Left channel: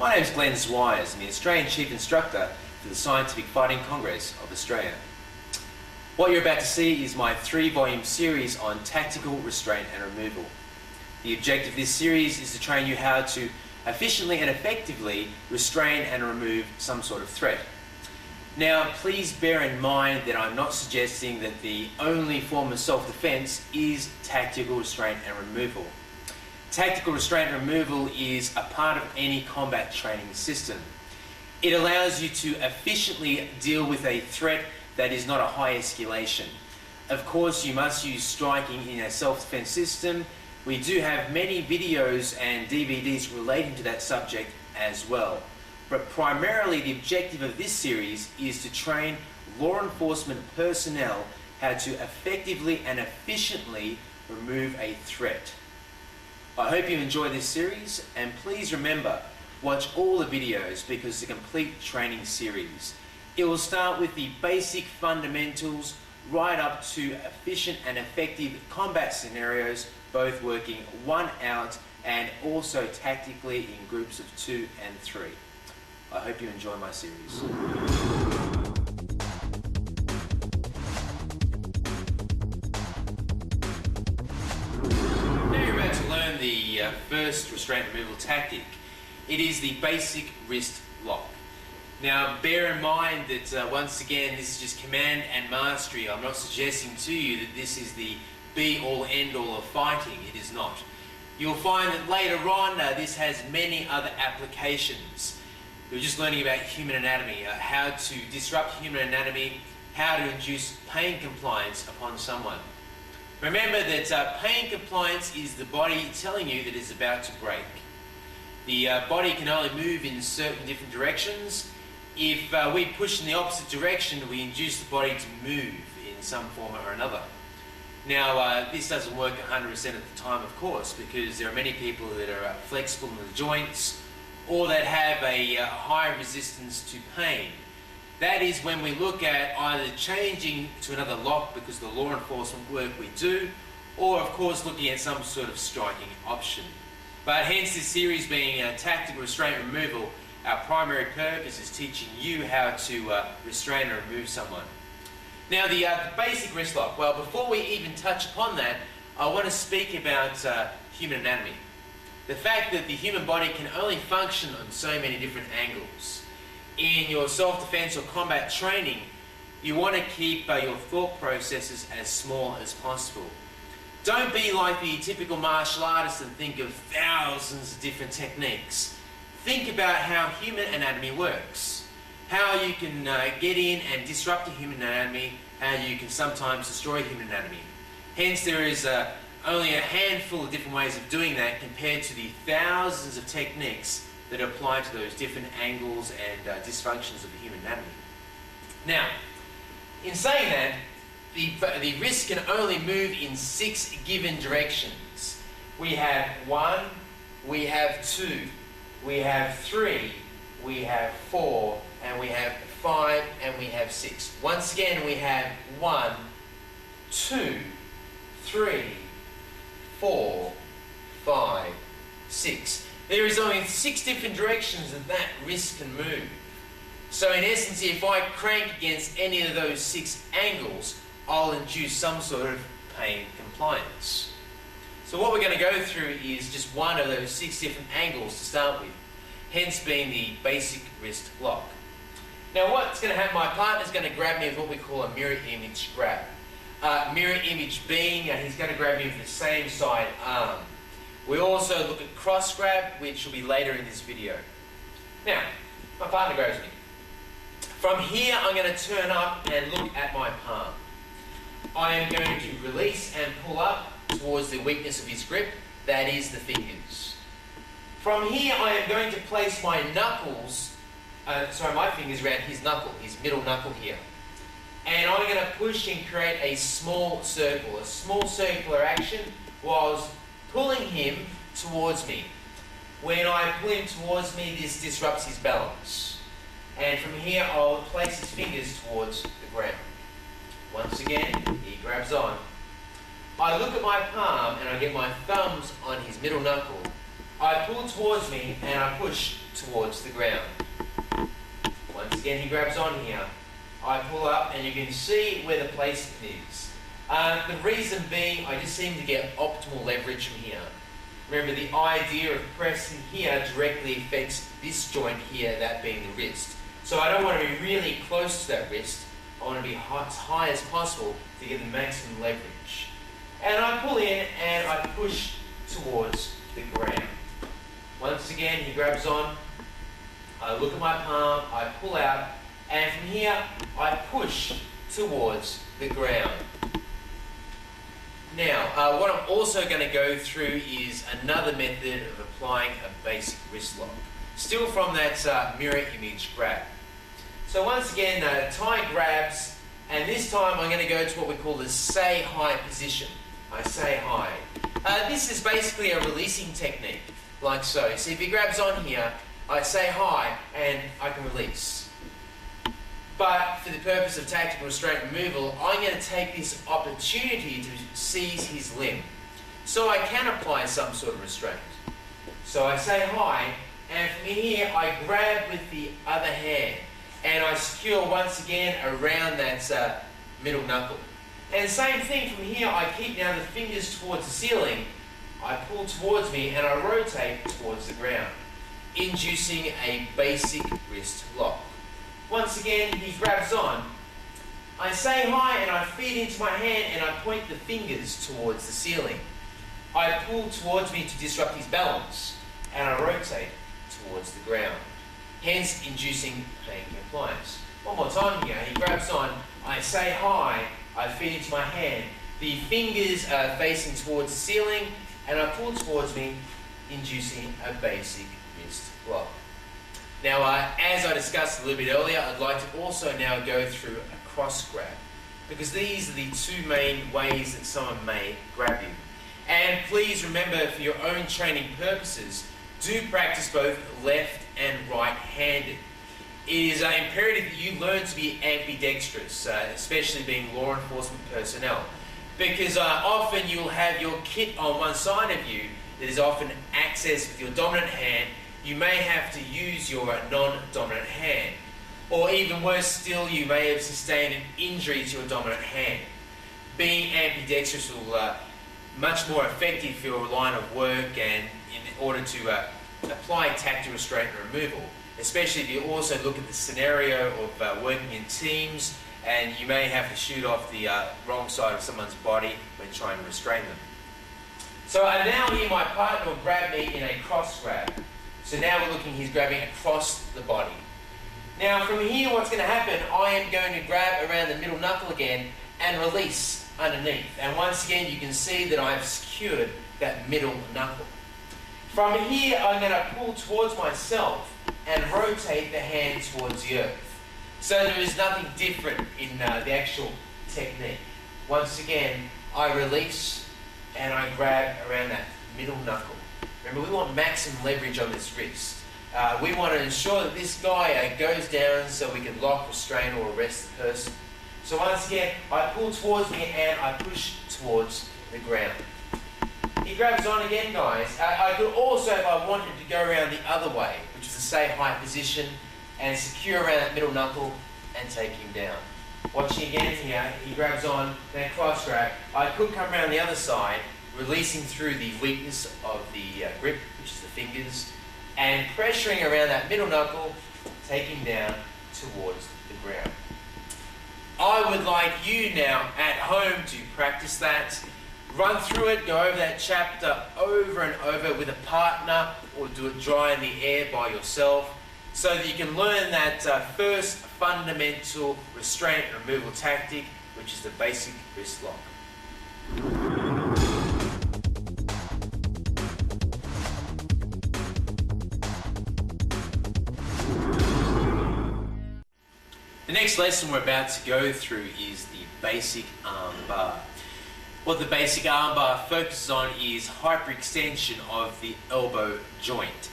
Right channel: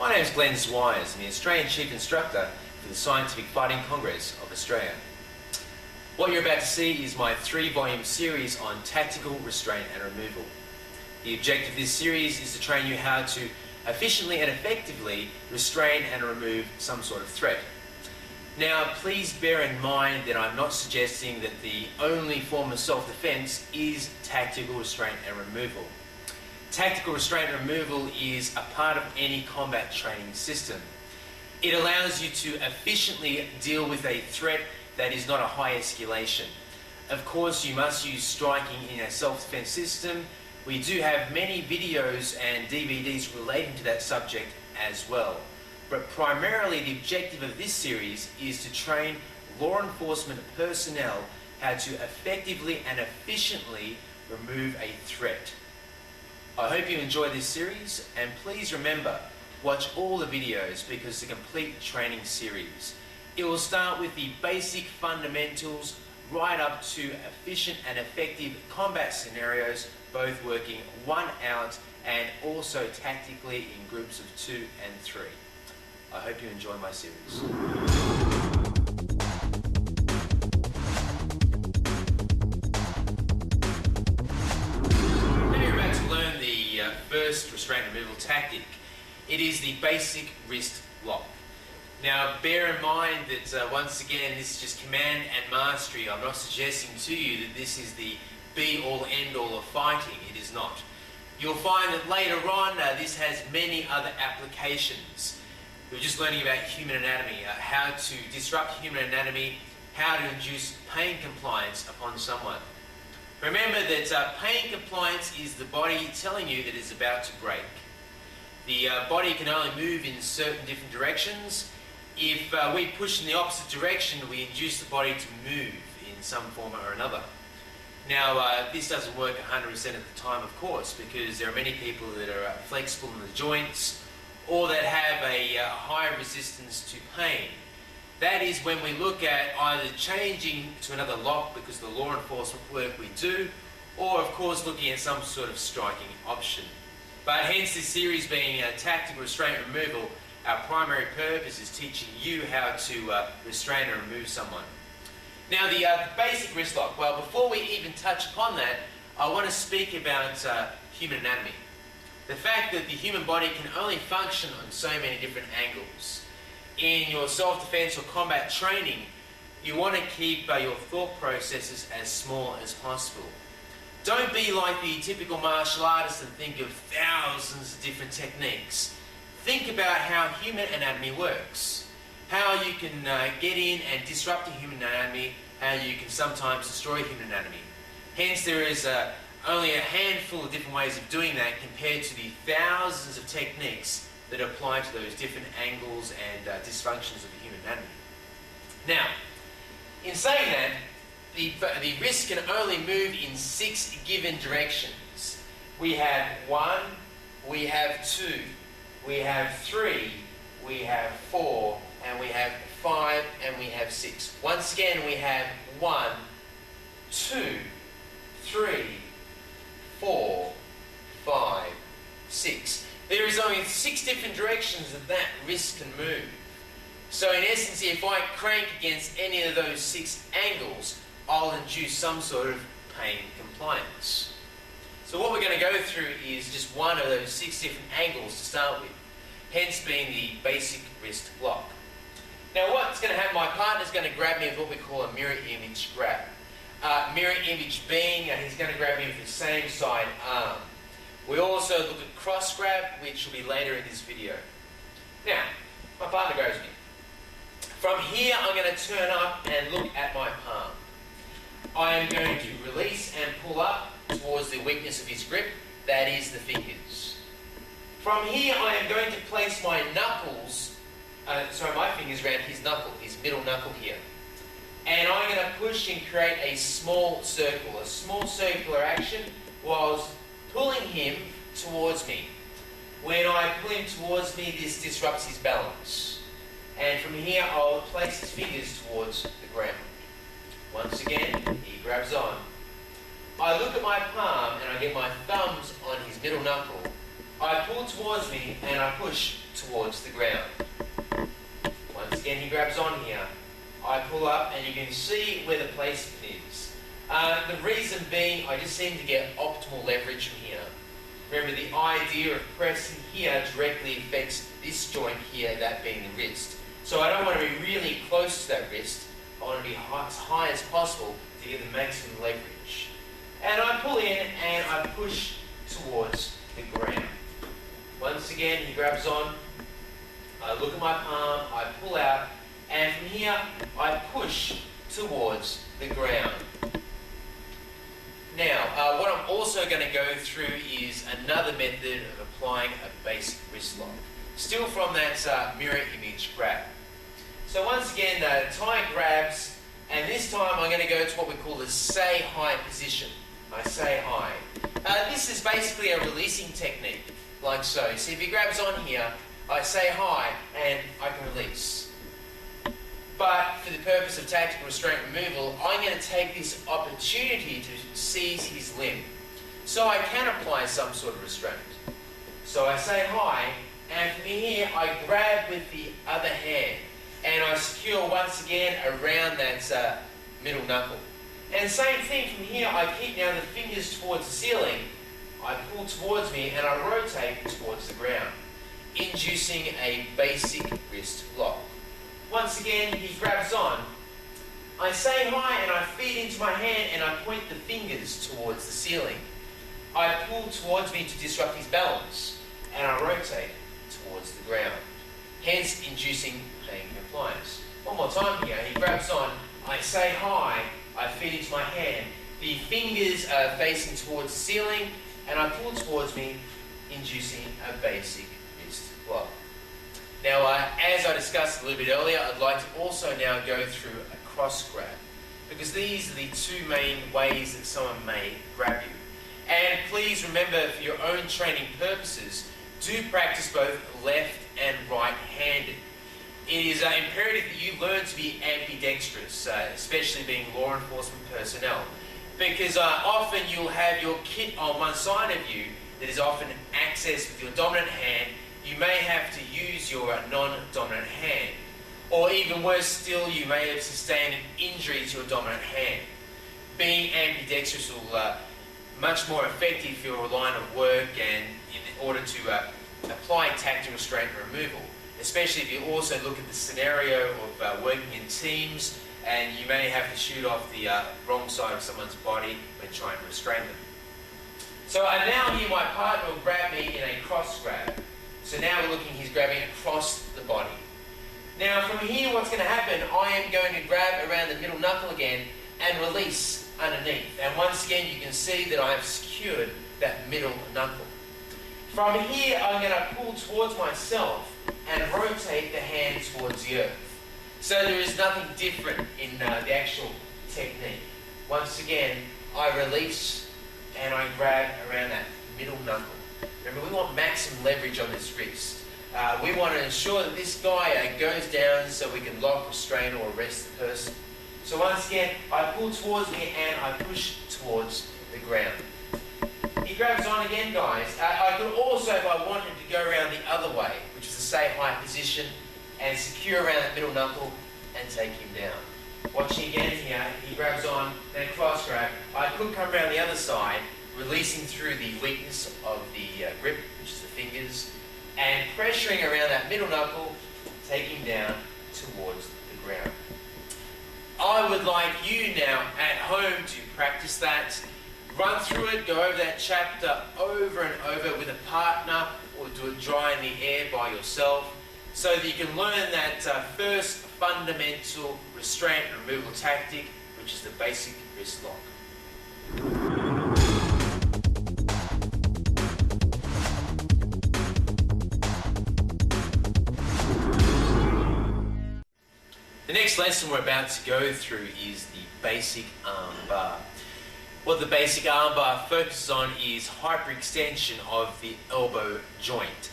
My name is Glenn Zwires, I'm the Australian Chief Instructor for the Scientific Fighting Congress of Australia. What you're about to see is my 3-volume series on tactical restraint and removal. The objective of this series is to train you how to efficiently and effectively restrain and remove some sort of threat. Now, please bear in mind that I'm not suggesting that the only form of self-defense is tactical restraint and removal. Tactical restraint and removal is a part of any combat training system. It allows you to efficiently deal with a threat that is not a high escalation. Of course, you must use striking in a self-defense system. We do have many videos and DVDs relating to that subject as well. But primarily the objective of this series is to train law enforcement personnel how to effectively and efficiently remove a threat. I hope you enjoy this series, and please remember, watch all the videos because it's a complete training series. It will start with the basic fundamentals right up to efficient and effective combat scenarios, both working 1 out and also tactically in groups of 2 and 3. I hope you enjoy my series. The first restraint removal tactic. It is the basic wrist lock. Now bear in mind that once again this is just command and mastery. I'm not suggesting to you that this is the be all end all of fighting. It is not. You'll find that later on this has many other applications. We're just learning about human anatomy, how to disrupt human anatomy, how to induce pain compliance upon someone. Remember that pain compliance is the body telling you that it's about to break. The body can only move in certain different directions. If we push in the opposite direction, we induce the body to move in some form or another. Now, this doesn't work 100% of the time, of course, because there are many people that are flexible in the joints or that have a high resistance to pain. That is when we look at either changing to another lock because of the law enforcement work we do, or of course looking at some sort of striking option. But hence this series being tactical restraint removal, our primary purpose is teaching you how to restrain and remove someone. Now the basic wrist lock, well before we even touch upon that, I want to speak about human anatomy. The fact that the human body can only function on so many different angles. In your self-defense or combat training, you want to keep your thought processes as small as possible. Don't be like the typical martial artist and think of thousands of different techniques. Think about how human anatomy works, how you can get in and disrupt the human anatomy, how you can sometimes destroy human anatomy. Hence there is only a handful of different ways of doing that compared to the thousands of techniques that apply to those different angles and dysfunctions of the human anatomy. Now, in saying that, the wrist can only move in 6 given directions. We have 1, we have 2, we have 3, we have 4, and we have 5, and we have 6. Once again, we have 1, 2, 3, 4, 5, 6. There is only 6 different directions that wrist can move. So in essence, if I crank against any of those 6 angles, I'll induce some sort of pain compliance. So what we're going to go through is just one of those 6 different angles to start with, hence being the basic wrist lock. Now what's going to happen, my partner's going to grab me with what we call a mirror image grab. Mirror image being, he's going to grab me with the same side arm. We also look at cross grab, which will be later in this video. Now, my partner grabs me. From here, I'm going to turn up and look at my palm. I am going to release and pull up towards the weakness of his grip, that is the fingers. From here, I am going to place my knuckles, my fingers around his knuckle, his middle knuckle here. And I'm going to push and create a small circular action whilst pulling him towards me. When I pull him towards me, this disrupts his balance. And from here, I'll place his fingers towards the ground. Once again, he grabs on. I look at my palm and I get my thumbs on his middle knuckle. I pull towards me and I push towards the ground. Once again, he grabs on here. I pull up and you can see where the placement is. The reason being, I just seem to get optimal leverage from here. Remember, the idea of pressing here directly affects this joint here, that being the wrist. So I don't want to be really close to that wrist. I want to be as high as possible to get the maximum leverage. And I pull in and I push towards the ground. Once again, he grabs on. I look at my palm, I pull out, and from here, I push towards the ground. Now, what I'm also going to go through is another method of applying a basic wrist lock. Still from that mirror image grab. So once again, tie grabs, and this time I'm going to go to what we call the say hi position. I say hi. This is basically a releasing technique, like so. So if he grabs on here, I say hi, and I can release. But for the purpose of tactical restraint removal, I'm going to take this opportunity to seize his limb. So I can apply some sort of restraint. So I say hi, and from here I grab with the other hand, and I secure once again around that middle knuckle. And same thing from here, I keep now the fingers towards the ceiling, I pull towards me, and I rotate towards the ground, inducing a basic wrist lock. Once again, he grabs on. I say hi and I feed into my hand and I point the fingers towards the ceiling. I pull towards me to disrupt his balance and I rotate towards the ground, hence inducing pain compliance. One more time here, he grabs on. I say hi, I feed into my hand. The fingers are facing towards the ceiling and I pull towards me, inducing a basic wrist lock. Now, as I discussed a little bit earlier, I'd like to also now go through a cross grab, because these are the two main ways that someone may grab you. And please remember, for your own training purposes, do practice both left and right-handed. It is imperative that you learn to be ambidextrous, especially being law enforcement personnel, because often you'll have your kit on one side of you that is often accessed with your dominant hand. You may have to use your non-dominant hand. Or even worse still, you may have sustained an injury to your dominant hand. Being ambidextrous will much more effective for your line of work and in order to apply tactical restraint removal, especially if you also look at the scenario of working in teams and you may have to shoot off the wrong side of someone's body when trying to restrain them. So now here my partner will grab me in a cross grab. So now we're looking, he's grabbing across the body. Now from here what's going to happen, I am going to grab around the middle knuckle again and release underneath. And once again you can see that I have secured that middle knuckle. From here I'm going to pull towards myself and rotate the hand towards the earth. So there is nothing different in the actual technique. Once again, I release and I grab around that middle knuckle. Remember, we want maximum leverage on this wrist. We want to ensure that this guy goes down so we can lock, restrain, or arrest the person. So once again, I pull towards me and I push towards the ground. He grabs on again, guys. I could also, if I wanted, to go around the other way, which is the say hi position, and secure around that middle knuckle and take him down. Watching again here, he grabs on, then cross grab. I could come around the other side, releasing through the weakness of the grip, which is the fingers, and pressuring around that middle knuckle, taking down towards the ground. I would like you now at home to practice that. Run through it, go over that chapter over and over with a partner, or do it dry in the air by yourself, so that you can learn that first fundamental restraint removal tactic, which is the basic wrist lock. The next lesson we're about to go through is the basic arm bar. What the basic arm bar focuses on is hyperextension of the elbow joint.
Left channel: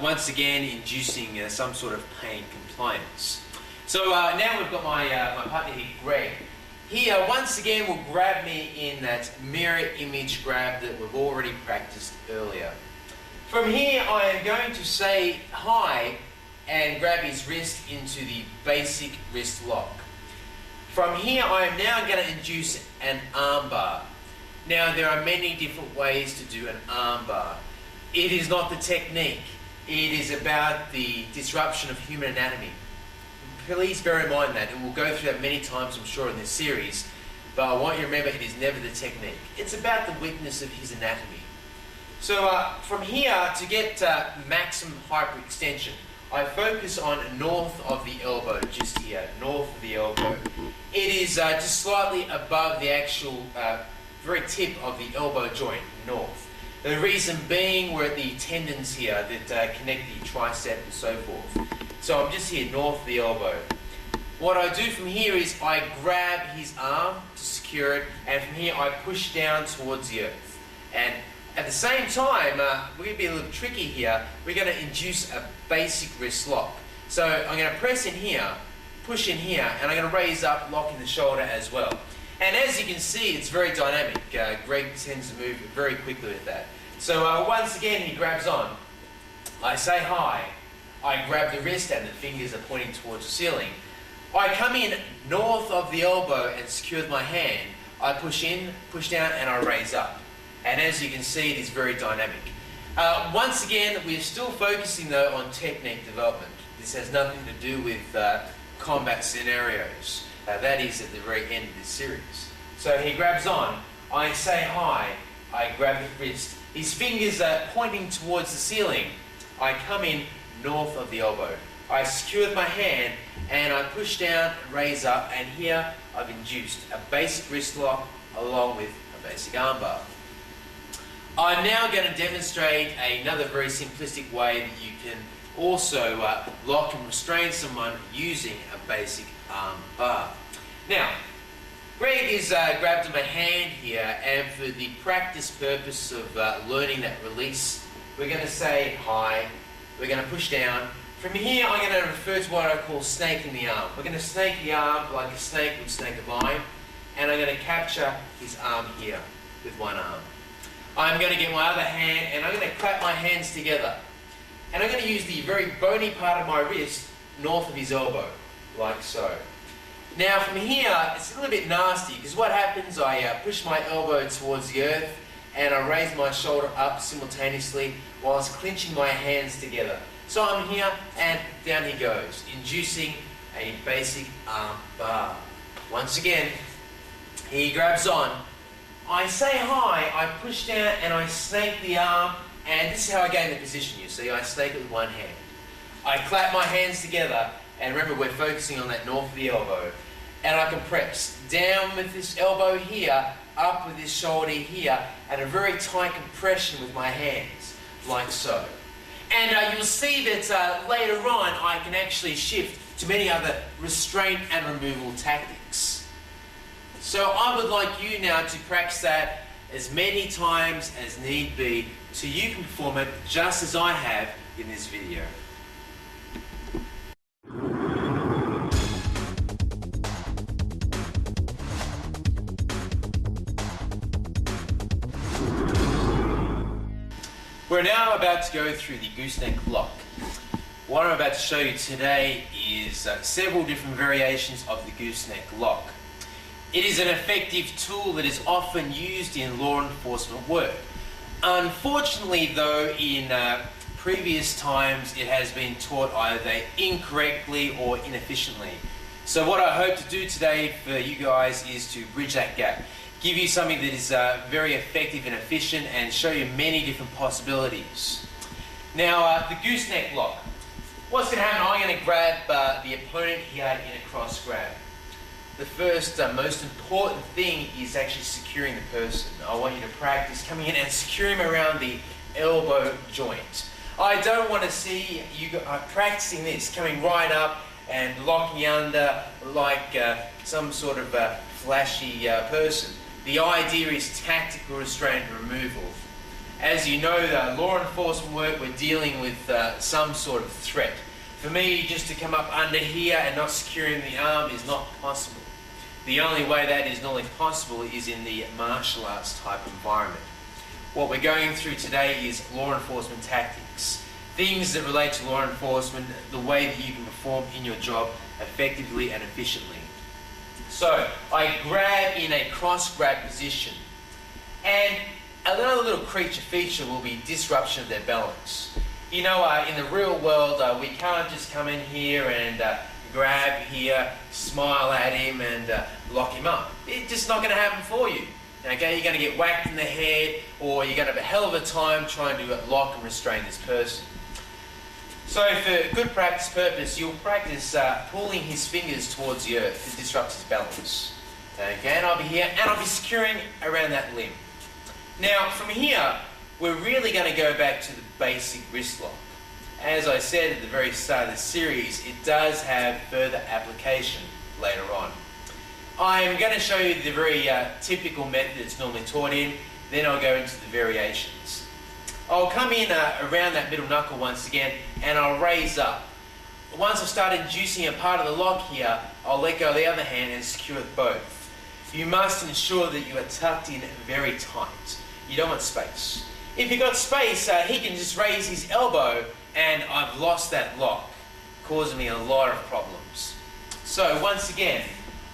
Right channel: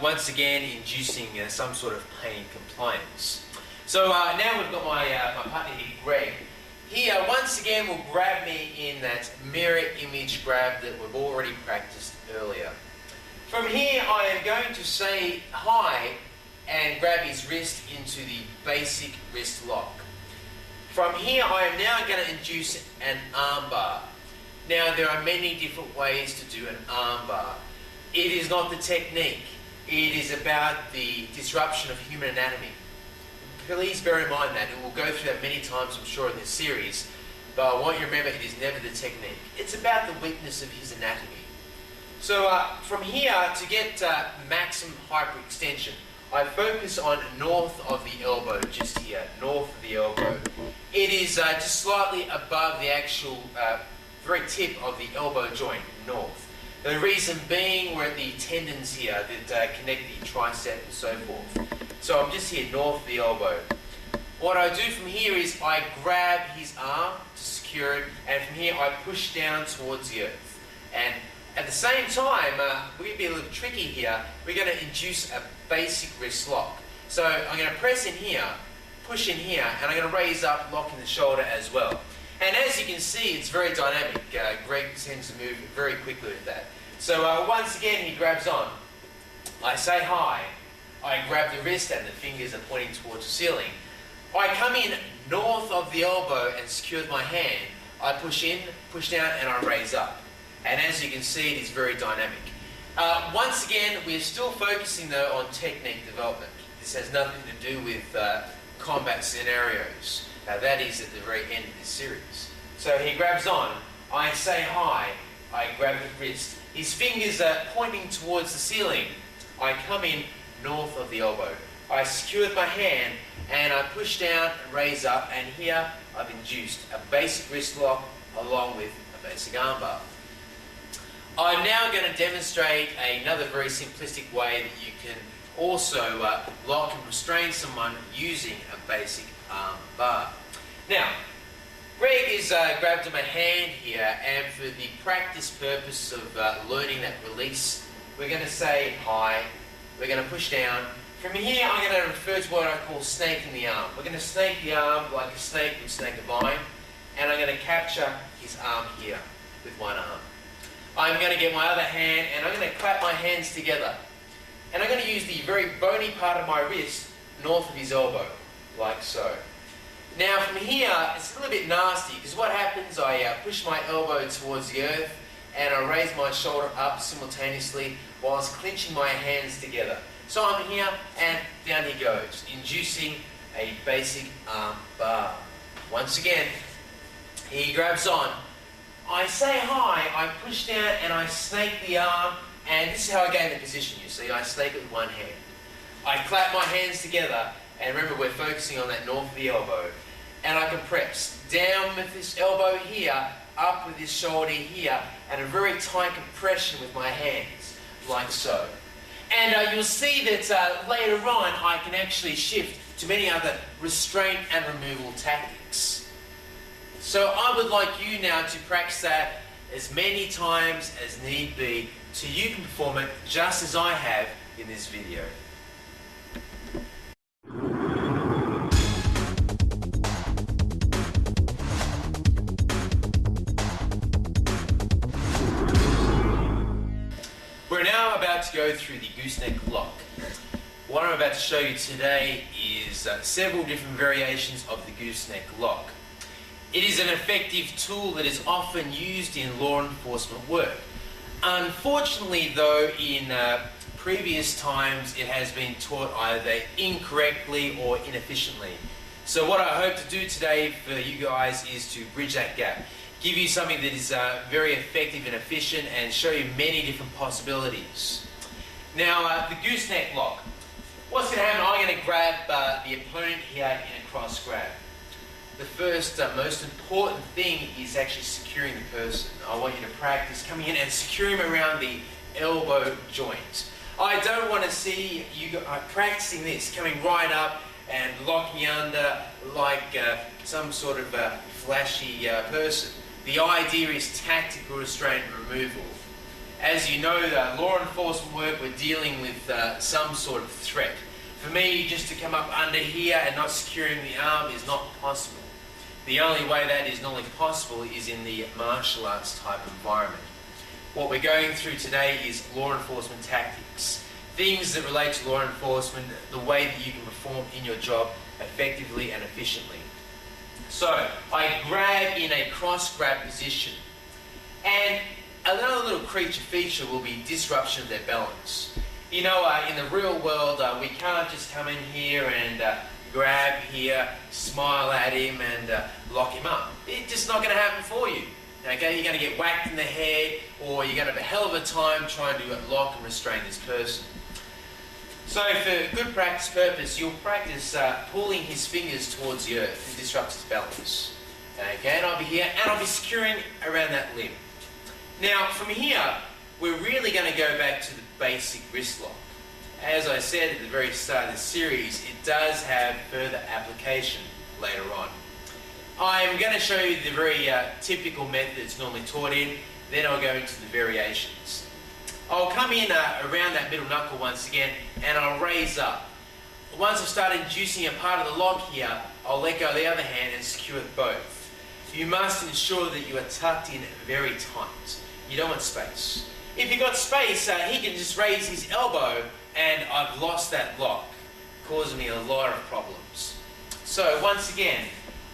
Once again, inducing some sort of pain compliance. So now we've got my partner here, Greg. He once again will grab me in that mirror image grab that we've already practiced earlier. From here, I am going to say hi and grab his wrist into the basic wrist lock. From here, I am now going to induce an arm bar. Now, there are many different ways to do an arm bar. It is not the technique. It is about the disruption of human anatomy. Please bear in mind that, and we'll go through that many times, I'm sure, in this series, but I want you to remember it is never the technique. It's about the weakness of his anatomy. So from here, to get maximum hyperextension, I focus on north of the elbow, just here, north of the elbow. It is just slightly above the actual very tip of the elbow joint, north. The reason being, we're at the tendons here that connect the tricep and so forth. So I'm just here, north of the elbow. What I do from here is I grab his arm to secure it, and from here I push down towards the earth. And at the same time, we're going to be a little tricky here. We're going to induce a basic wrist lock. So I'm going to press in here, push in here, and I'm going to raise up, locking the shoulder as well. And as you can see, it's very dynamic. Greg tends to move very quickly with that. So once again, he grabs on. I say hi. I grab the wrist and the fingers are pointing towards the ceiling. I come in north of the elbow and secure with my hand. I push in, push down, and I raise up. And as you can see, it is very dynamic. Once again, we're still focusing though on technique development. This has nothing to do with combat scenarios. That is at the very end of this series. So he grabs on, I say hi, I grab the wrist. His fingers are pointing towards the ceiling. I come in north of the elbow. I secure with my hand and I push down and raise up, and here I've induced a basic wrist lock along with a basic arm bar. I'm now going to demonstrate another very simplistic way that you can also lock and restrain someone using a basic arm bar. Now, Greg is grabbed in my hand here, and for the practice purpose of learning that release, we're going to say hi, we're going to push down. From here, I'm going to refer to what I call snaking the arm. We're going to snake the arm like a snake would snake a vine, and I'm going to capture his arm here with one arm. I'm going to get my other hand and I'm going to clap my hands together. And I'm going to use the very bony part of my wrist north of his elbow, like so. Now from here, it's a little bit nasty because what happens, I push my elbow towards the earth and I raise my shoulder up simultaneously whilst clenching my hands together. So I'm here and down he goes, inducing a basic arm bar. Once again, he grabs on. I say hi, I push down and I snake the arm, and this is how I gain the position, you see. I snake it with one hand. I clap my hands together, and remember we're focusing on that north of the elbow, and I compress down with this elbow here, up with this shoulder here, and a very tight compression with my hands, like so. And you'll see that later on I can actually shift to many other restraint and removal tactics. So I would like you now to practice that as many times as need be so you can perform it just as I have in this video. We're now about to go through the gooseneck lock. What I'm about to show you today is several different variations of the gooseneck lock. It is an effective tool that is often used in law enforcement work. Unfortunately though, in previous times it has been taught either incorrectly or inefficiently. So what I hope to do today for you guys is to bridge that gap. Give you something that is very effective and efficient and show you many different possibilities. Now the gooseneck lock. What's going to happen, I'm going to grab the opponent here in a cross grab. The first most important thing is actually securing the person. I want you to practice coming in and securing him around the elbow joint. I don't want to see you practicing this, coming right up and locking under like some sort of flashy person. The idea is tactical restraint and removal. As you know, law enforcement work, we're dealing with some sort of threat. For me, just to come up under here and not securing the arm is not possible. The only way that is normally possible is in the martial arts type environment. What we're going through today is law enforcement tactics. Things that relate to law enforcement, the way that you can perform in your job effectively and efficiently. So, I grab in a cross grab position, and another little creature feature will be disruption of their balance. You know, in the real world, we can't just come in here and grab here, smile at him and lock him up. It's just not going to happen for you. Okay, you're going to get whacked in the head, or you're going to have a hell of a time trying to lock and restrain this person. So for good practice purpose, you'll practice pulling his fingers towards the earth to disrupt his balance. Okay, and I'll be here, and I'll be securing around that limb. Now, from here, we're really going to go back to the basic wrist lock. As I said at the very start of the series, it does have further application later on. I'm going to show you the very typical method it's normally taught in, then I'll go into the variations. I'll come in around that middle knuckle once again, and I'll raise up. Once I've started inducing a part of the lock here, I'll let go of the other hand and secure both. You must ensure that you are tucked in very tight. You don't want space. If you've got space, he can just raise his elbow and I've lost that lock, causing me a lot of problems. So once again,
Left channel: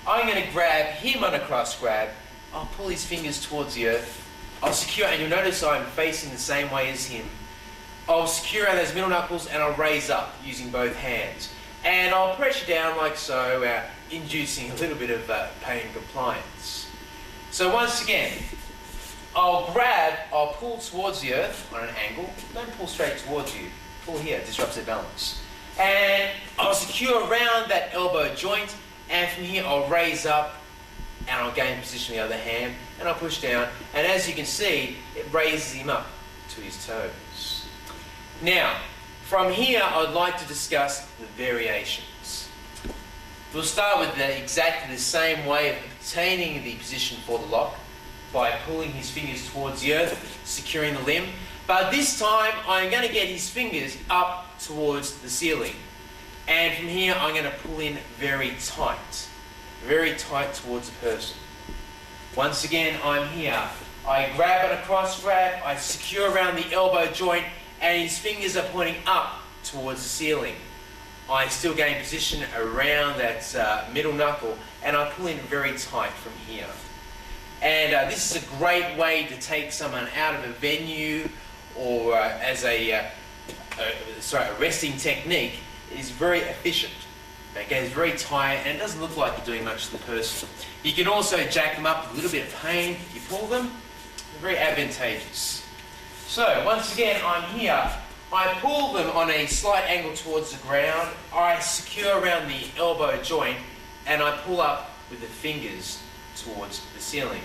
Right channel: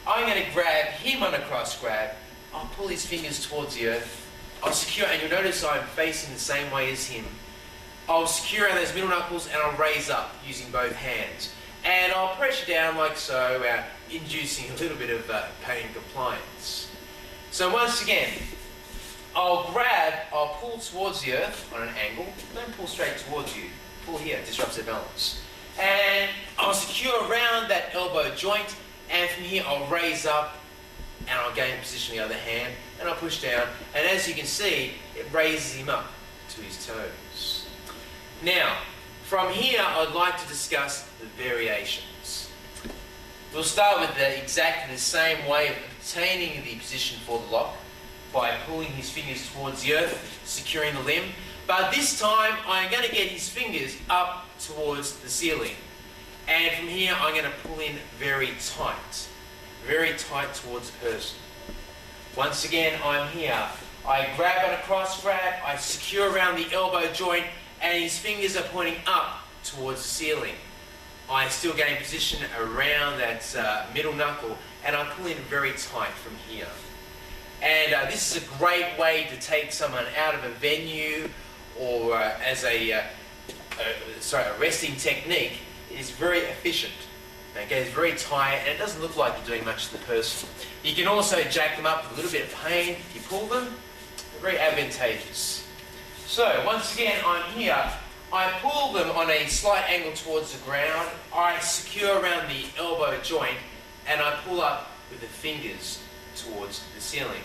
I'm going to grab him on a cross grab. I'll pull his fingers towards the earth. I'll secure, and you'll notice I'm facing the same way as him. I'll secure out those middle knuckles and I'll raise up using both hands. And I'll pressure down like so, inducing a little bit of pain compliance. So once again, I'll pull towards the earth on an angle. Don't pull straight towards you. Pull here, disrupts their balance. And I'll secure around that elbow joint, and from here I'll raise up and I'll gain position with the other hand and I'll push down, and as you can see, it raises him up to his toes. Now, from here I'd like to discuss the variations. We'll start with exactly the same way of obtaining the position for the lock, by pulling his fingers towards the earth, securing the limb. But this time, I'm going to get his fingers up towards the ceiling. And from here, I'm going to pull in very tight towards the person. Once again, I'm here. I grab on a cross grab, I secure around the elbow joint, and his fingers are pointing up towards the ceiling. I still gain position around that middle knuckle, and I pull in very tight from here. And this is a great way to take someone out of a venue, or as a resting technique. It is very efficient. Okay, it's very tight, and it doesn't look like you're doing much to the person. You can also jack them up with a little bit of pain. If you pull them, they're very advantageous. So once again, I'm here. I pull them on a slight angle towards the ground. I secure around the elbow joint, and I pull up with the fingers towards the ceiling.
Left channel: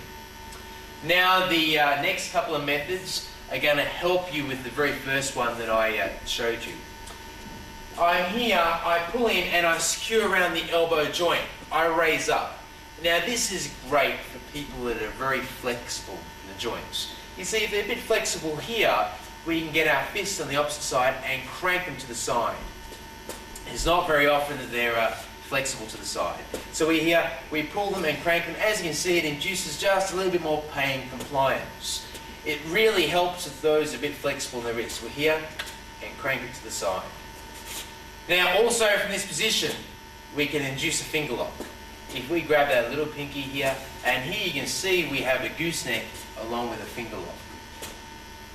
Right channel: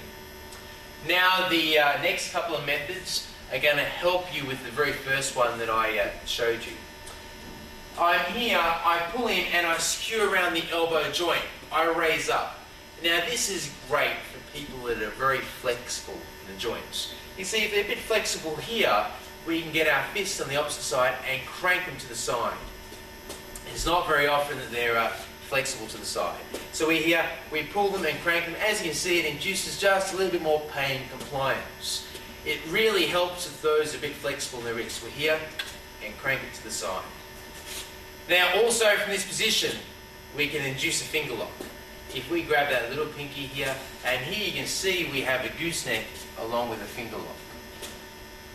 Now the next couple of methods are going to help you with the very first one that I showed you. I'm here, I pull in and I secure around the elbow joint. I raise up. Now this is great for people that are very flexible in the joints. You see, if they're a bit flexible here, we can get our fists on the opposite side and crank them to the side. It's not very often that they're flexible to the side. So we're here, we pull them and crank them. As you can see, it induces just a little bit more pain compliance. It really helps with those a bit flexible in their wrists. We're here and crank it to the side. Now also from this position, we can induce a finger lock. If we grab that little pinky here, and here you can see we have a gooseneck along with a finger lock.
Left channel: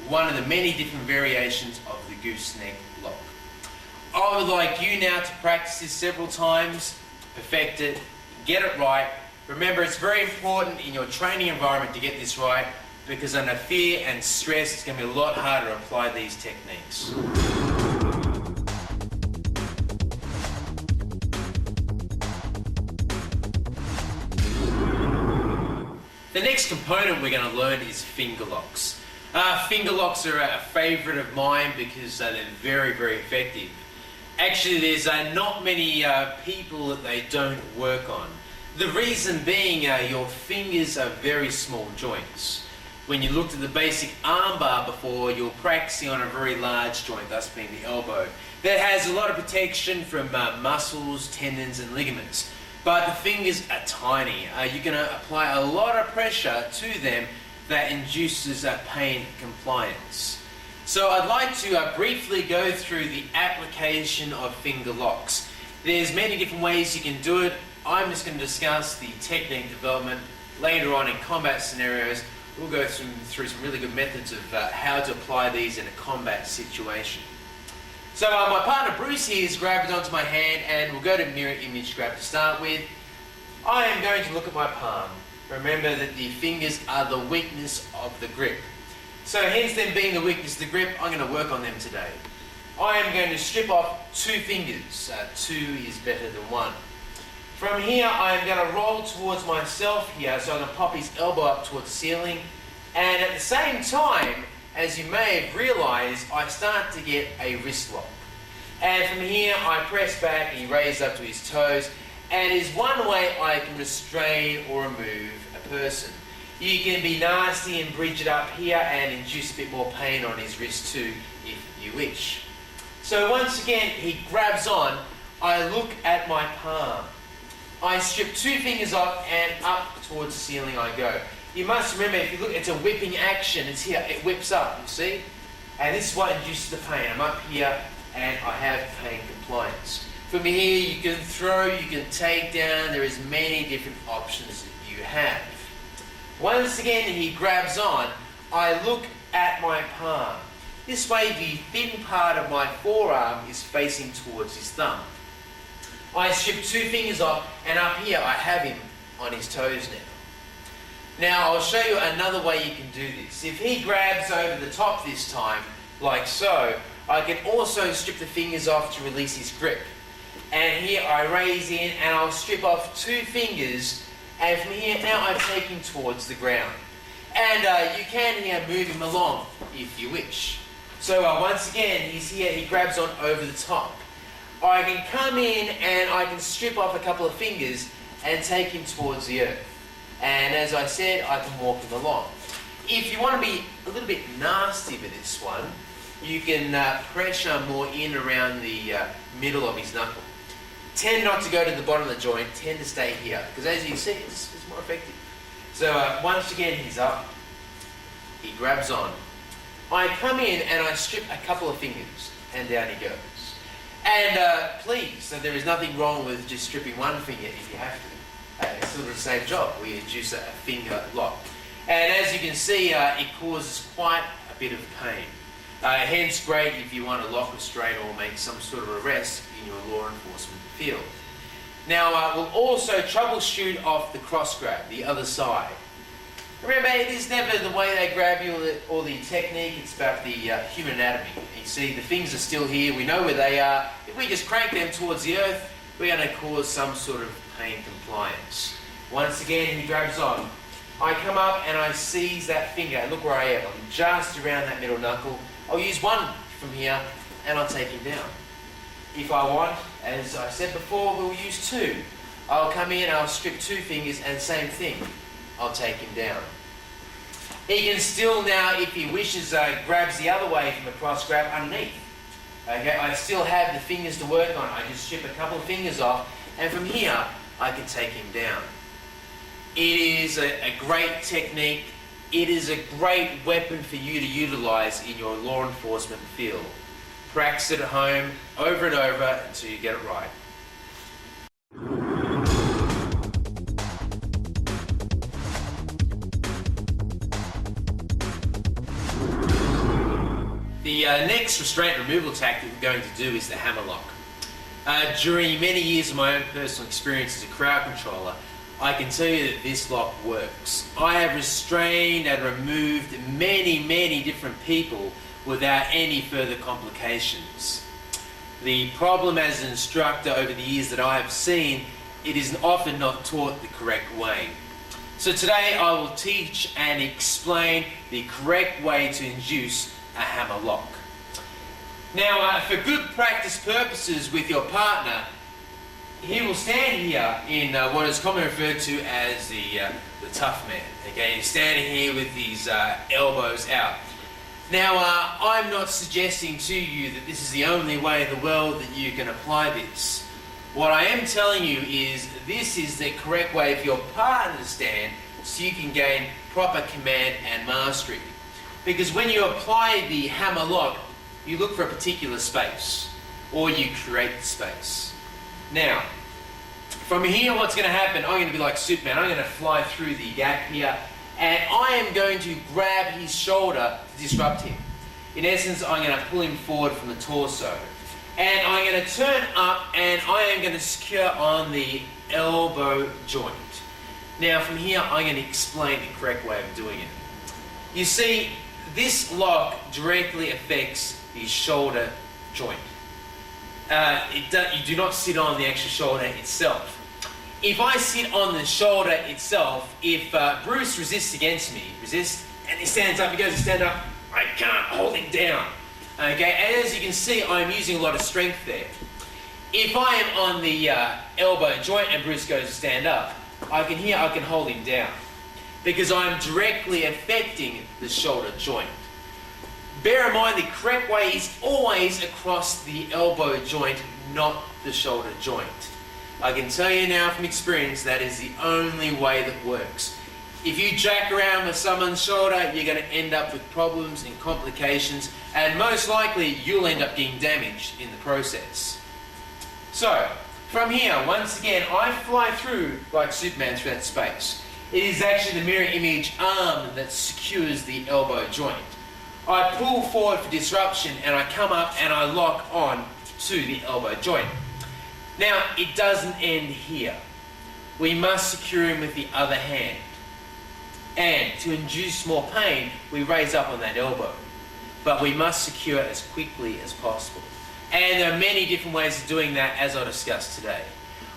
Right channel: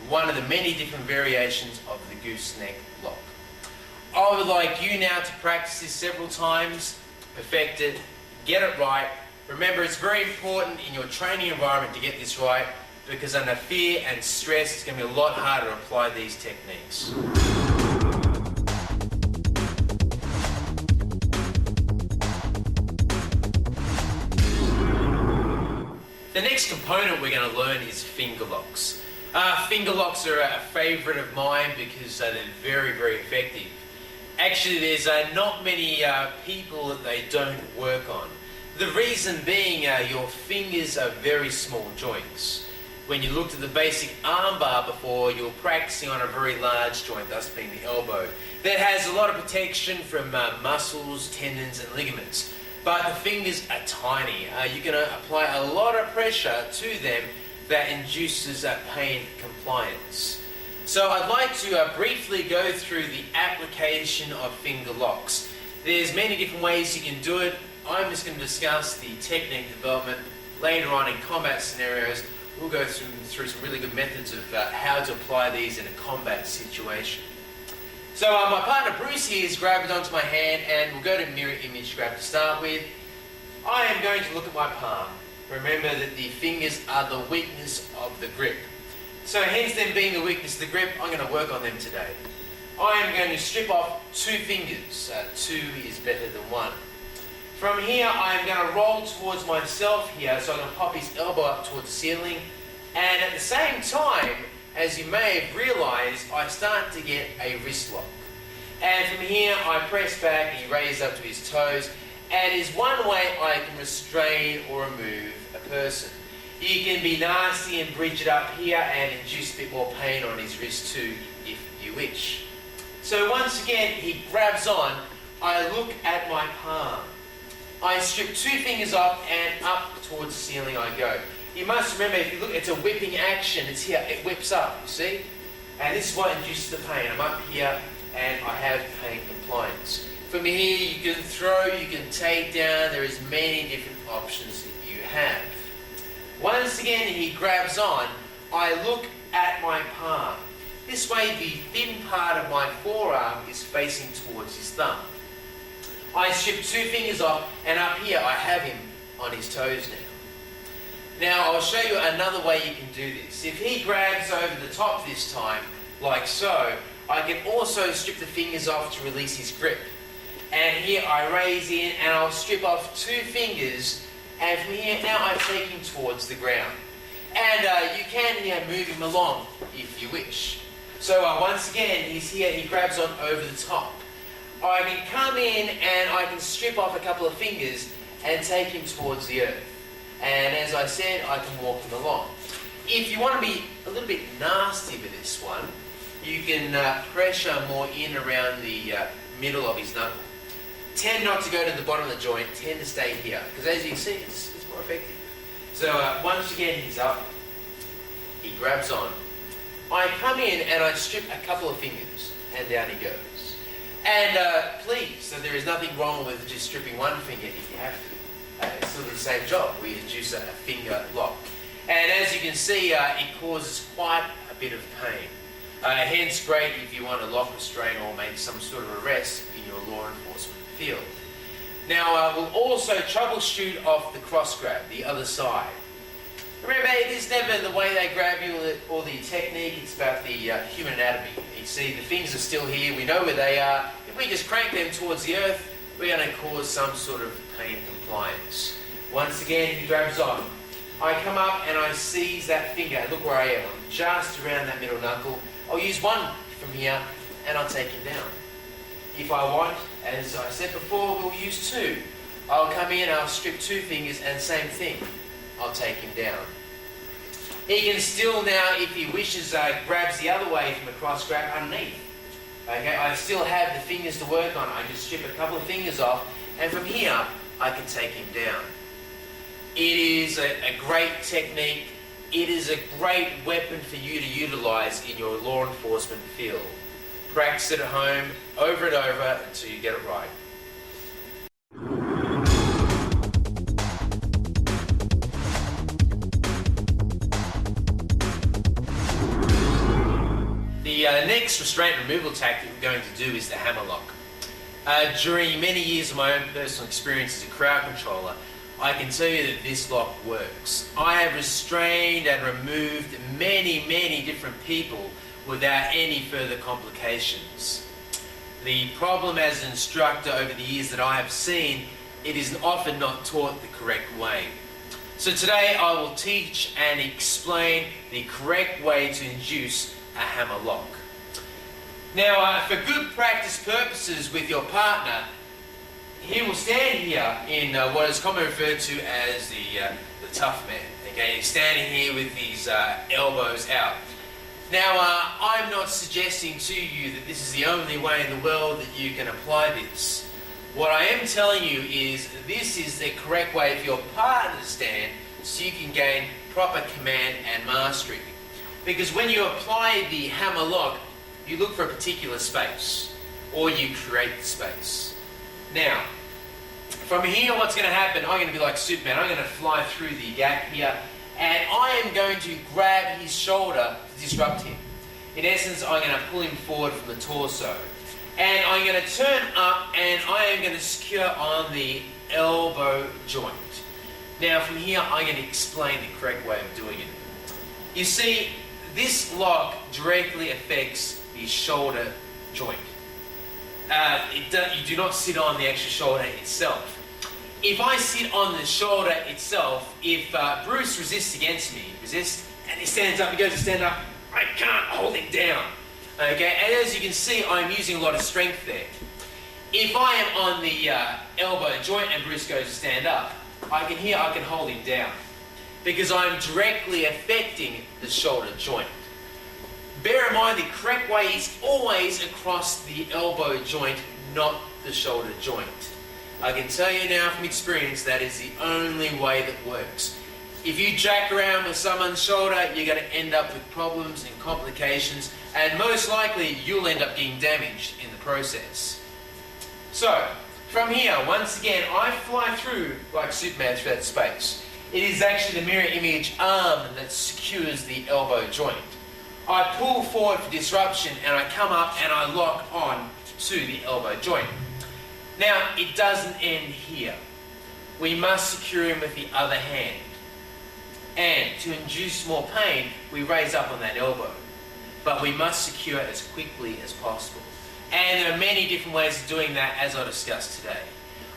One of the many different variations of the gooseneck lock. I would like you now to practice this several times, perfect it, get it right. Remember, it's very important in your training environment to get this right, because under fear and stress, it's going to be a lot harder to apply these techniques. The next component we're going to learn is finger locks. Finger locks are a favourite of mine because they're very, very effective. Actually, there's not many people that they don't work on. The reason being your fingers are very small joints. When you looked at the basic armbar before, you were practicing on a very large joint, thus being the elbow, that has a lot of protection from muscles, tendons and ligaments. But the fingers are tiny. You can apply a lot of pressure to them that induces pain compliance. So I'd like to briefly go through the application of finger locks. There's many different ways you can do it. I'm just going to discuss the technique development. Later on in combat scenarios, we'll go through some really good methods of how to apply these in a combat situation. So my partner Bruce here has grabbed onto my hand, and we'll go to mirror image grab to start with. I am going to look at my palm. Remember that the fingers are the weakness of the grip. So hence them being the weakness of the grip, I'm going to work on them today. I am going to strip off 2 fingers. 2 is better than 1. From here, I am going to roll towards myself here, so I'm going to pop his elbow up towards the ceiling. And at the same time, as you may have realised, I start to get a wrist lock. And from here, I press back and he raises up to his toes. And is one way I can restrain or remove a person. You can be nasty and bridge it up here and induce a bit more pain on his wrist too, if you wish. So once again, he grabs on. I look at my palm. I strip 2 fingers off and up towards the ceiling I go. You must remember, if you look, it's a whipping action. It's here, it whips up, you see? And this is what induces the pain. I'm up here and I have pain compliance. From here, you can throw, you can take down. There is many different options that you have. Once again, he grabs on. I look at my palm. This way, the thin part of my forearm is facing towards his thumb. I strip 2 fingers off, and up here I have him on his toes now. Now I'll show you another way you can do this. If he grabs over the top this time, like so, I can also strip the fingers off to release his grip. And here I raise in and I'll strip off 2 fingers, and from here now I take him towards the ground. And you can here move him along if you wish. So once again, he's here, he grabs on over the top. I can come in and I can strip off a couple of fingers and take him towards the earth. And as I said, I can walk him along. If you want to be a little bit nasty with this one, you can pressure more in around the middle of his knuckle. Tend not to go to the bottom of the joint, tend to stay here, because as you can see, it's more effective. So once again, he's up, he grabs on. I come in and I strip a couple of fingers, and down he goes. And please, so there is nothing wrong with just stripping 1 finger if you have to. It's sort of the same job. We induce a finger lock. And as you can see, it causes quite a bit of pain. Hence great if you want to lock, restrain, or make some sort of arrest in your law enforcement field. Now we'll also troubleshoot off the cross grab, the other side. Remember, it is never the way they grab you or the technique, it's about the human anatomy. You see, the fingers are still here, we know where they are. If we just crank them towards the earth, we're going to cause some sort of pain compliance. Once again, he grabs on. I come up and I seize that finger. Look where I am. I'm just around that middle knuckle. I'll use 1 from here and I'll take him down. If I want, as I said before, we'll use 2. I'll come in, I'll strip 2 fingers and same thing. I'll take him down. He can still now, if he wishes, grabs the other way from the cross grab underneath. Okay, I still have the fingers to work on. I can strip a couple of fingers off, and from here, I can take him down. It is a great technique. It is a great weapon for you to utilize in your law enforcement field. Practice it at home, over and over, until you get it right. The next restraint removal tactic we're going to do is the hammer lock. During many years of my own personal experience as a crowd controller, I can tell you that this lock works. I have restrained and removed many different people without any further complications. The problem as an instructor over the years that I have seen, it is often not taught the correct way. So today I will teach and explain the correct way to induce a hammer lock. Now, for good practice purposes with your partner, he will stand here in what is commonly referred to as the tough man. Okay, he's standing here with his elbows out. Now, I'm not suggesting to you that this is the only way in the world that you can apply this. What I am telling you is this is the correct way for your partner to stand so you can gain proper command and mastery. Because when you apply the hammer lock, you look for a particular space, or you create the space. Now, from here, what's going to happen, I'm going to be like Superman. I'm going to fly through the gap here, and I am going to grab his shoulder to disrupt him. In essence, I'm going to pull him forward from the torso. And I'm going to turn up, and I am going to secure on the elbow joint. Now, from here, I'm going to explain the correct way of doing it. You see, this lock directly affects the shoulder joint. You do not sit on the actual shoulder itself. If I sit on the shoulder itself, if Bruce resists against me, and he stands up, he goes to stand up, I can't hold him down. Okay, and as you can see, I'm using a lot of strength there. If I am on the elbow joint and Bruce goes to stand up, I can hold him down, because I'm directly affecting the shoulder joint. Bear in mind, the correct way is always across the elbow joint, not the shoulder joint. I can tell you now from experience that is the only way that works. If you jack around with someone's shoulder, you're going to end up with problems and complications, and most likely you'll end up getting damaged in the process. So, from here, once again, I fly through like Superman through that space. It is actually the mirror image arm that secures the elbow joint. I pull forward for disruption, and I come up and I lock on to the elbow joint. Now, it doesn't end here. We must secure him with the other hand. And to induce more pain, we raise up on that elbow. But we must secure it as quickly as possible. And there are many different ways of doing that, as I'll discuss today.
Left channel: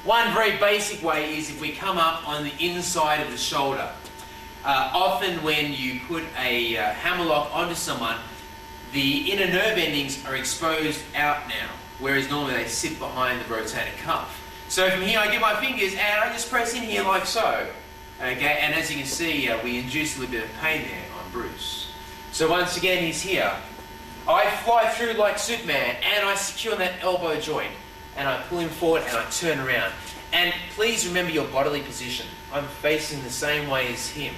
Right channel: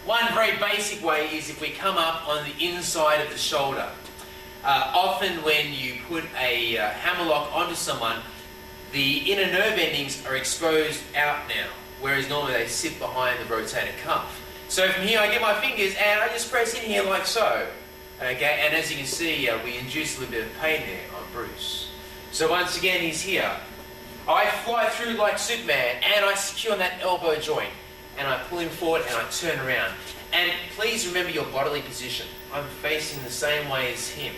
One very basic way is if we come up on the inside of the shoulder. Often when you put a hammer lock onto someone, the inner nerve endings are exposed out now, whereas normally they sit behind the rotator cuff. So from here I get my fingers and I just press in here like so. Okay, and as you can see, we induce a little bit of pain there on Bruce. So once again, he's here. I fly through like Superman, and I secure that elbow joint, and I pull him forward and I turn around. And please remember your bodily position. I'm facing the same way as him.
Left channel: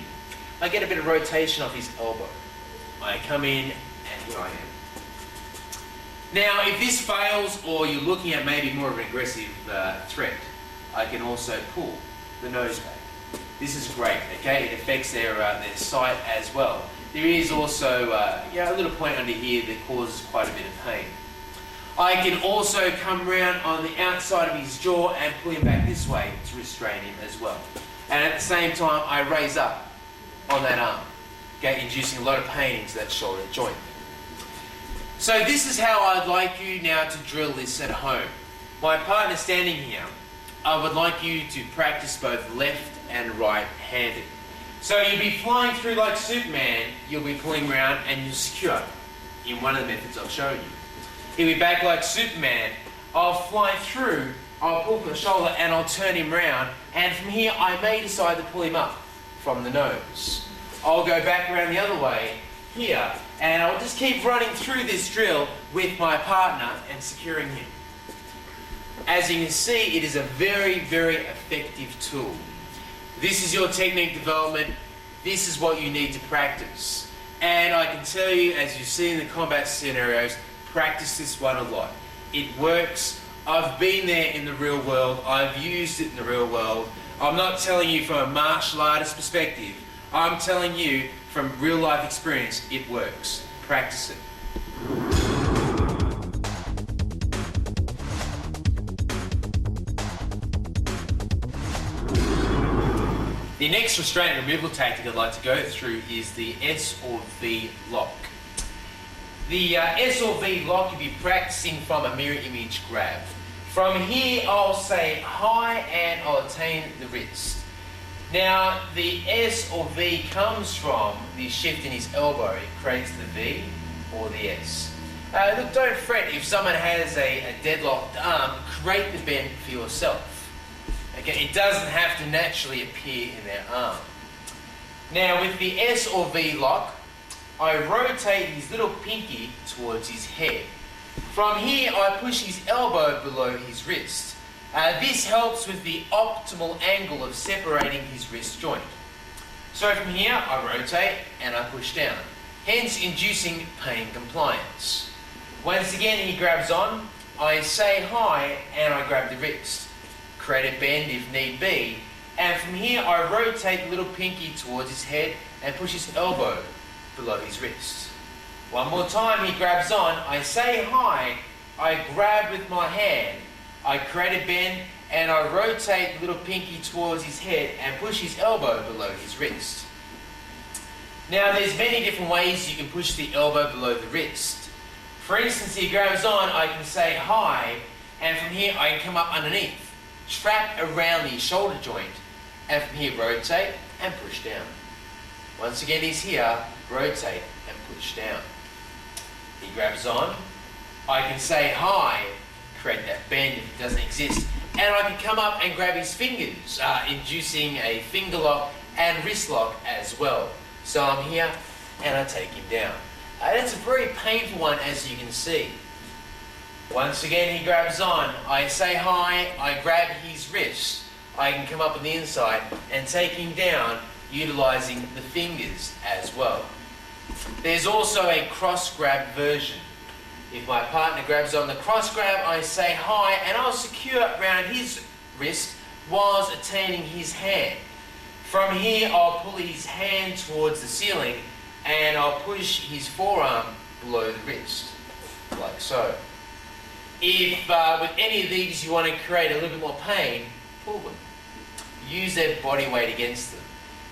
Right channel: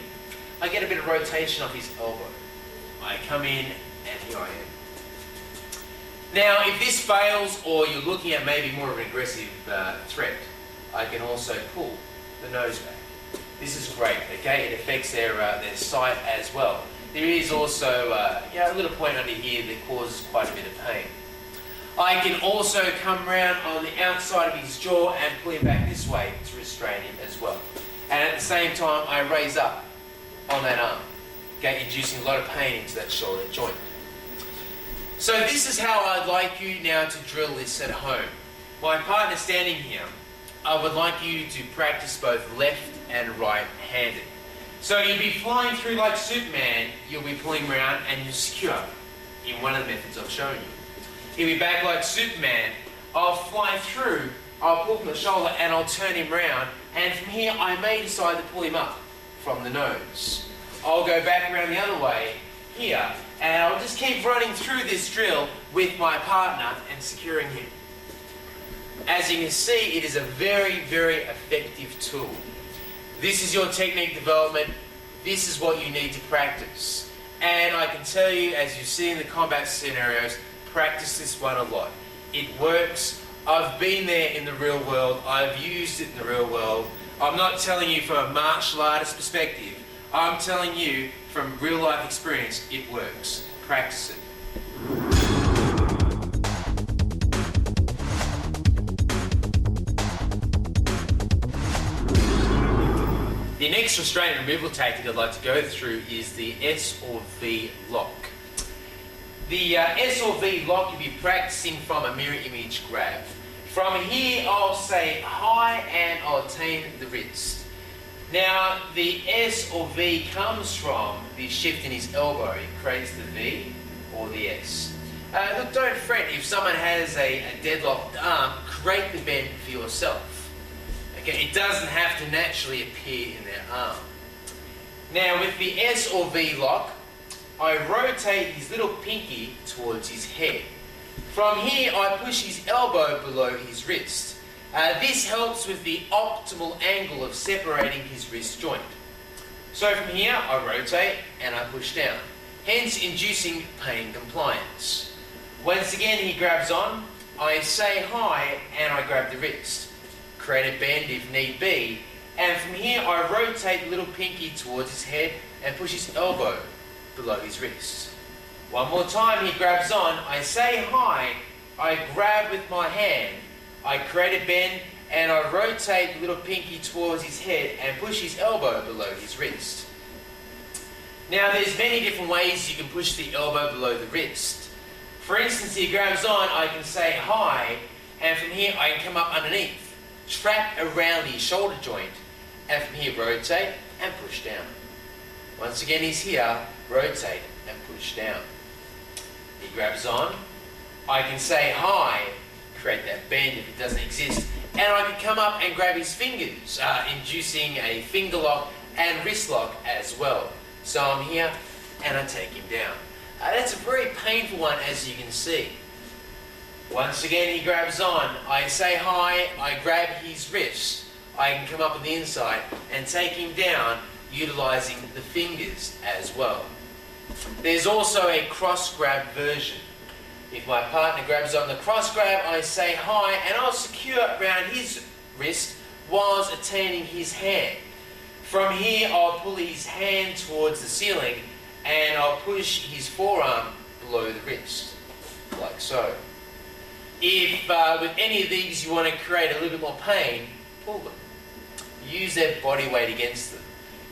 I get a bit of rotation off his elbow. I come in, and here I am. Now, if this fails, or you're looking at maybe more of an aggressive threat, I can also pull the nose back. This is great, okay? It affects their sight as well. There is also a little point under here that causes quite a bit of pain. I can also come around on the outside of his jaw and pull him back this way to restrain him as well. And at the same time, I raise up on that arm, okay, inducing a lot of pain into that shoulder joint. So this is how I'd like you now to drill this at home. My partner standing here, I would like you to practice both left and right-handed. So you'll be flying through like Superman, you'll be pulling around and you'll secure in one of the methods I've shown you. He'll be back like Superman, I'll fly through, I'll pull from the shoulder and I'll turn him round, and from here I may decide to pull him up from the nose. I'll go back around the other way here, and I'll just keep running through this drill with my partner and securing him. As you can see, it is a very, very effective tool. This is your technique development. This is what you need to practice. And I can tell you, as you see in the combat scenarios, practice this one a lot. It works. I've been there in the real world. I've used it in the real world. I'm not telling you from a martial artist perspective. I'm telling you from real life experience, it works. Practice it. The next restraint removal tactic I'd like to go through is the S or V lock. The S or V lock you'll be practicing from a mirror image grab. From here I'll say high and I'll attain the wrist. Now the S or V comes from the shift in his elbow. It creates the V or the S. Look, don't fret if someone has a deadlocked arm, create the bend for yourself. Okay, it doesn't have to naturally appear in their arm. Now with the S or V lock, I rotate his little pinky towards his head. From here I push his elbow below his wrist. This helps with the optimal angle of separating his wrist joint. So from here, I rotate and I push down, hence inducing pain compliance. Once again, he grabs on, I say hi and I grab the wrist, create a bend if need be, and from here I rotate the little pinky towards his head and push his elbow below his wrist. One more time, he grabs on, I say hi, I grab with my hand, I create a bend and I rotate the little pinky towards his head and push his elbow below his wrist. Now there's many different ways you can push the elbow below the wrist. For instance, he grabs on, I can say hi, and from here I can come up underneath, trap around the shoulder joint, and from here rotate and push down. Once again he's here, rotate and push down. He grabs on, I can say hi, create that bend if it doesn't exist, and I can come up and grab his fingers, inducing a finger lock and wrist lock as well. So I'm here and I take him down. That's a very painful one, as you can see. Once again he grabs on, I say hi, I grab his wrist, I can come up on the inside and take him down utilising the fingers as well. There's also a cross grab version. If my partner grabs on the cross grab, I say hi and I'll secure around his wrist whilst attaining his hand. From here I'll pull his hand towards the ceiling and I'll push his forearm below the wrist, like so. If with any of these you want to create a little bit more pain, pull them. Use their body weight against them.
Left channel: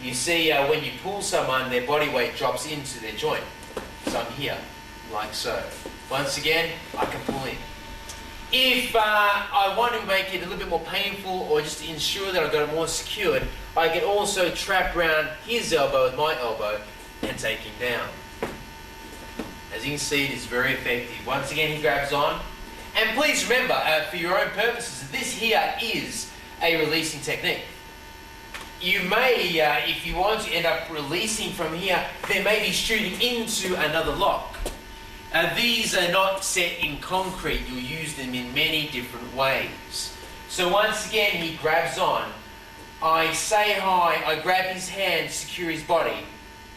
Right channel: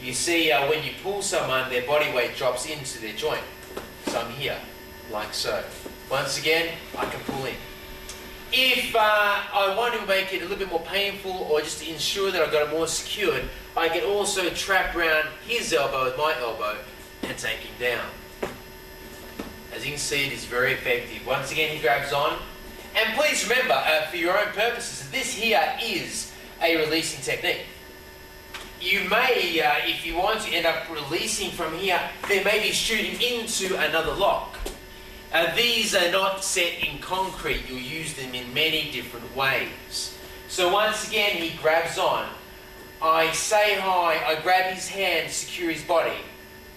You see when you pull someone, their body weight drops into their joint. So I'm here, like so. Once again, I can pull in. If I want to make it a little bit more painful or just to ensure that I've got it more secured, I can also trap around his elbow with my elbow and take him down. As you can see, it is very effective. Once again, he grabs on. And please remember, for your own purposes, this here is a releasing technique. You may, if you want to end up releasing from here, there may be shooting into another lock. These are not set in concrete. You'll use them in many different ways. So once again, he grabs on. I say hi, I grab his hand, secure his body.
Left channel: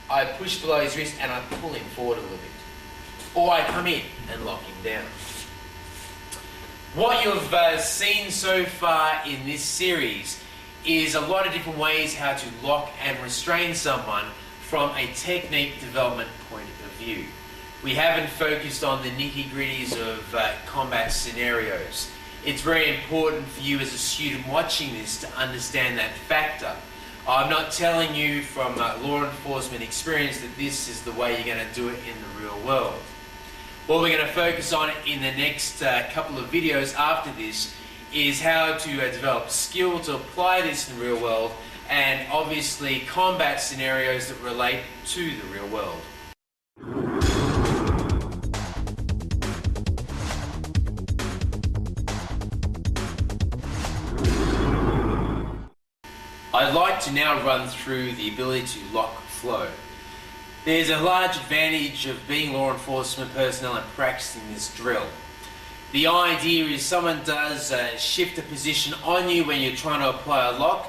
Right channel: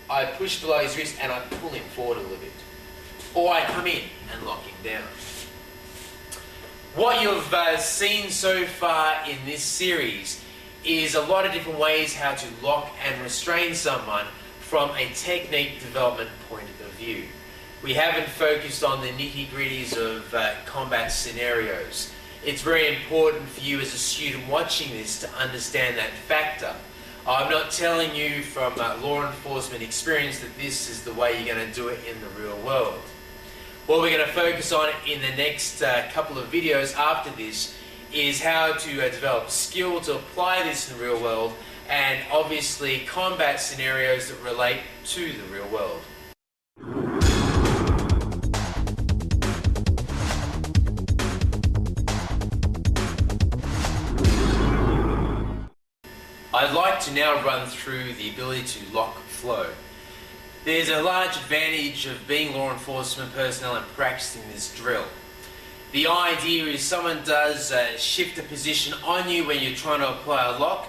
I push below his wrist and I pull him forward a little bit. Or I come in and lock him down. What you've seen so far in this series is a lot of different ways how to lock and restrain someone from a technique development point of view. We haven't focused on the nitty-gritties of combat scenarios. It's very important for you as a student watching this to understand that factor. I'm not telling you from law enforcement experience that this is the way you're going to do it in the real world. What we're going to focus on in the next couple of videos after this is how to develop skill to apply this in the real world, and obviously combat scenarios that relate to the real world. I'd like to now run through the ability to lock flow. There's a large advantage of being law enforcement personnel and practicing this drill. The idea is someone does shift a position on you when you're trying to apply a lock,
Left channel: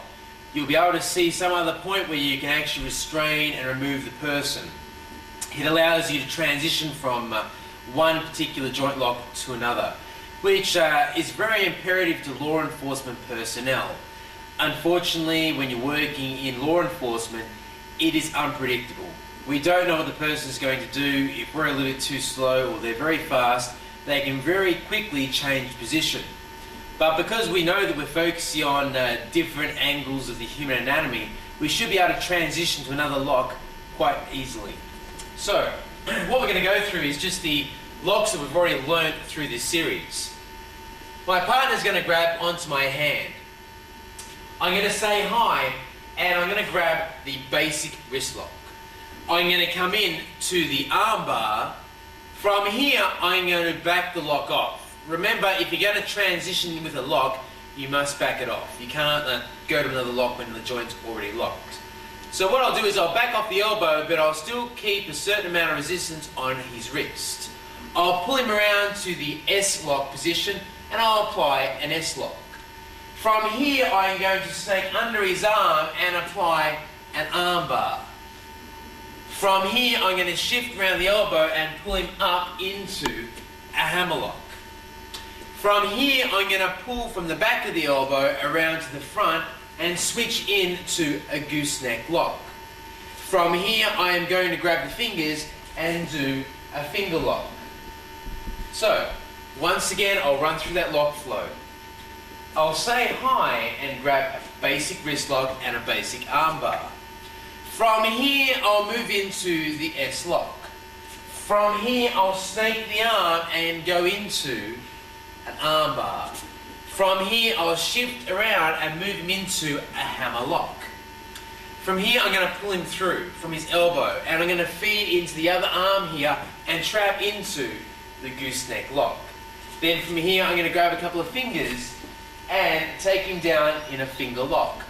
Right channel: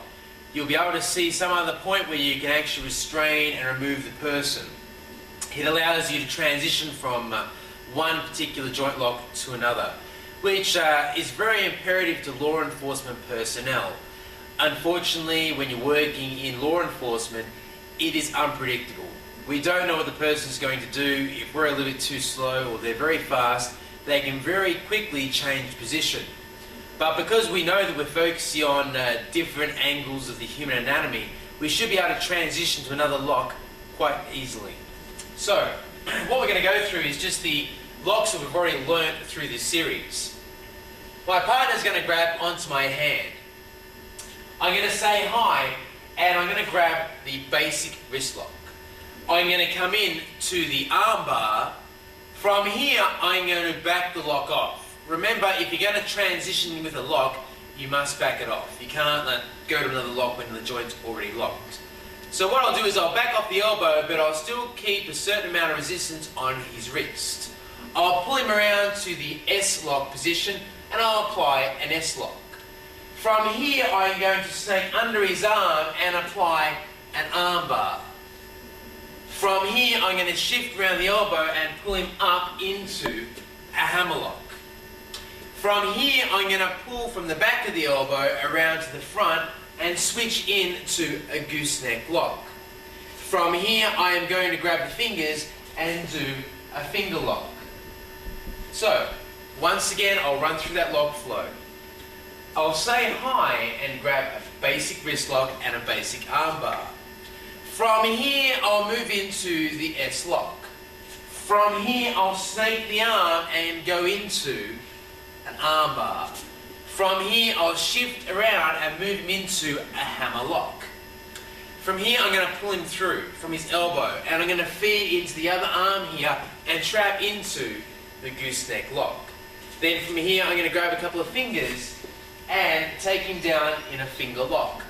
you'll be able to see some other point where you can actually restrain and remove the person. It allows you to transition from one particular joint lock to another, which is very imperative to law enforcement personnel. Unfortunately, when you're working in law enforcement, it is unpredictable. We don't know what the person is going to do. If we're a little bit too slow or they're very fast, they can very quickly change position. But because we know that we're focusing on different angles of the human anatomy, we should be able to transition to another lock quite easily. So, what we're going to go through is just the locks that we've already learned through this series. My partner's going to grab onto my hand. I'm going to say hi, and I'm going to grab the basic wrist lock. I'm going to come in to the arm bar. From here, I'm going to back the lock off. Remember, if you're going to transition with a lock, you must back it off. You can't go to another lock when the joint's already locked. So what I'll do is I'll back off the elbow, but I'll still keep a certain amount of resistance on his wrist. I'll pull him around to the S lock position, and I'll apply an S lock. From here, I'm going to take under his arm and apply an arm bar. From here, I'm going to shift around the elbow and pull him up into a hammerlock. From here, I'm going to pull from the back of the elbow around to the front and switch into a gooseneck lock. From here, I am going to grab the fingers and do a finger lock. So, once again, I'll run through that lock flow. I'll say hi and grab a basic wrist lock and a basic arm bar. From here, I'll move into the S lock. From here, I'll snake the arm and go into an arm bar. From here, I'll shift around and move him into a hammer lock. From here, I'm going to pull him through from his elbow, and I'm going to feed into the other arm here and trap into the gooseneck lock. Then from here, I'm going to grab a couple of fingers and take him down in a finger lock.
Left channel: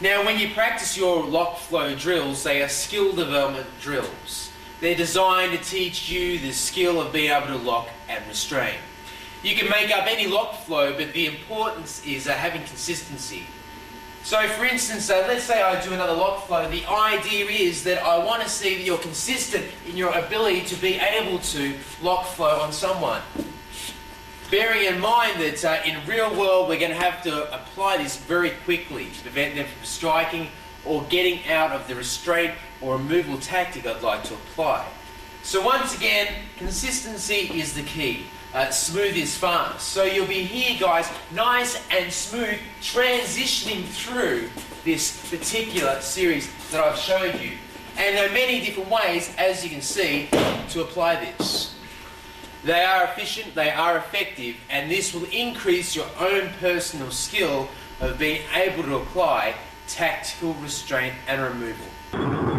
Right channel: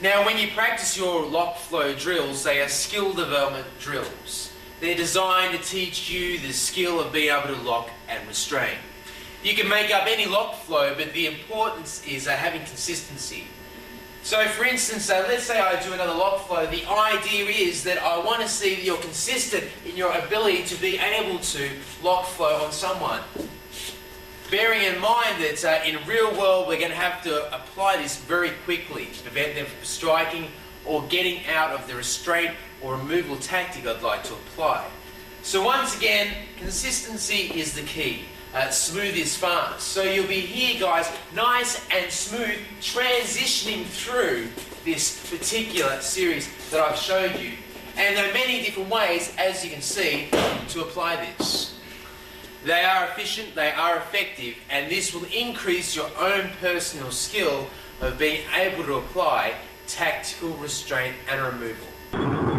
Now, when you practice your lock flow drills, they are skill development drills. They're designed to teach you the skill of being able to lock and restrain. You can make up any lock flow, but the importance is having consistency. So for instance, let's say I do another lock flow. The idea is that I want to see that you're consistent in your ability to be able to lock flow on someone. Bearing in mind that in real world we're going to have to apply this very quickly to prevent them from striking or getting out of the restraint or removal tactic I'd like to apply. So once again, consistency is the key. Smooth is fast. So you'll be here, guys, nice and smooth, transitioning through this particular series that I've showed you. And there are many different ways, as you can see, to apply this. They are efficient, they are effective, and this will increase your own personal skill of being able to apply tactical restraint and removal.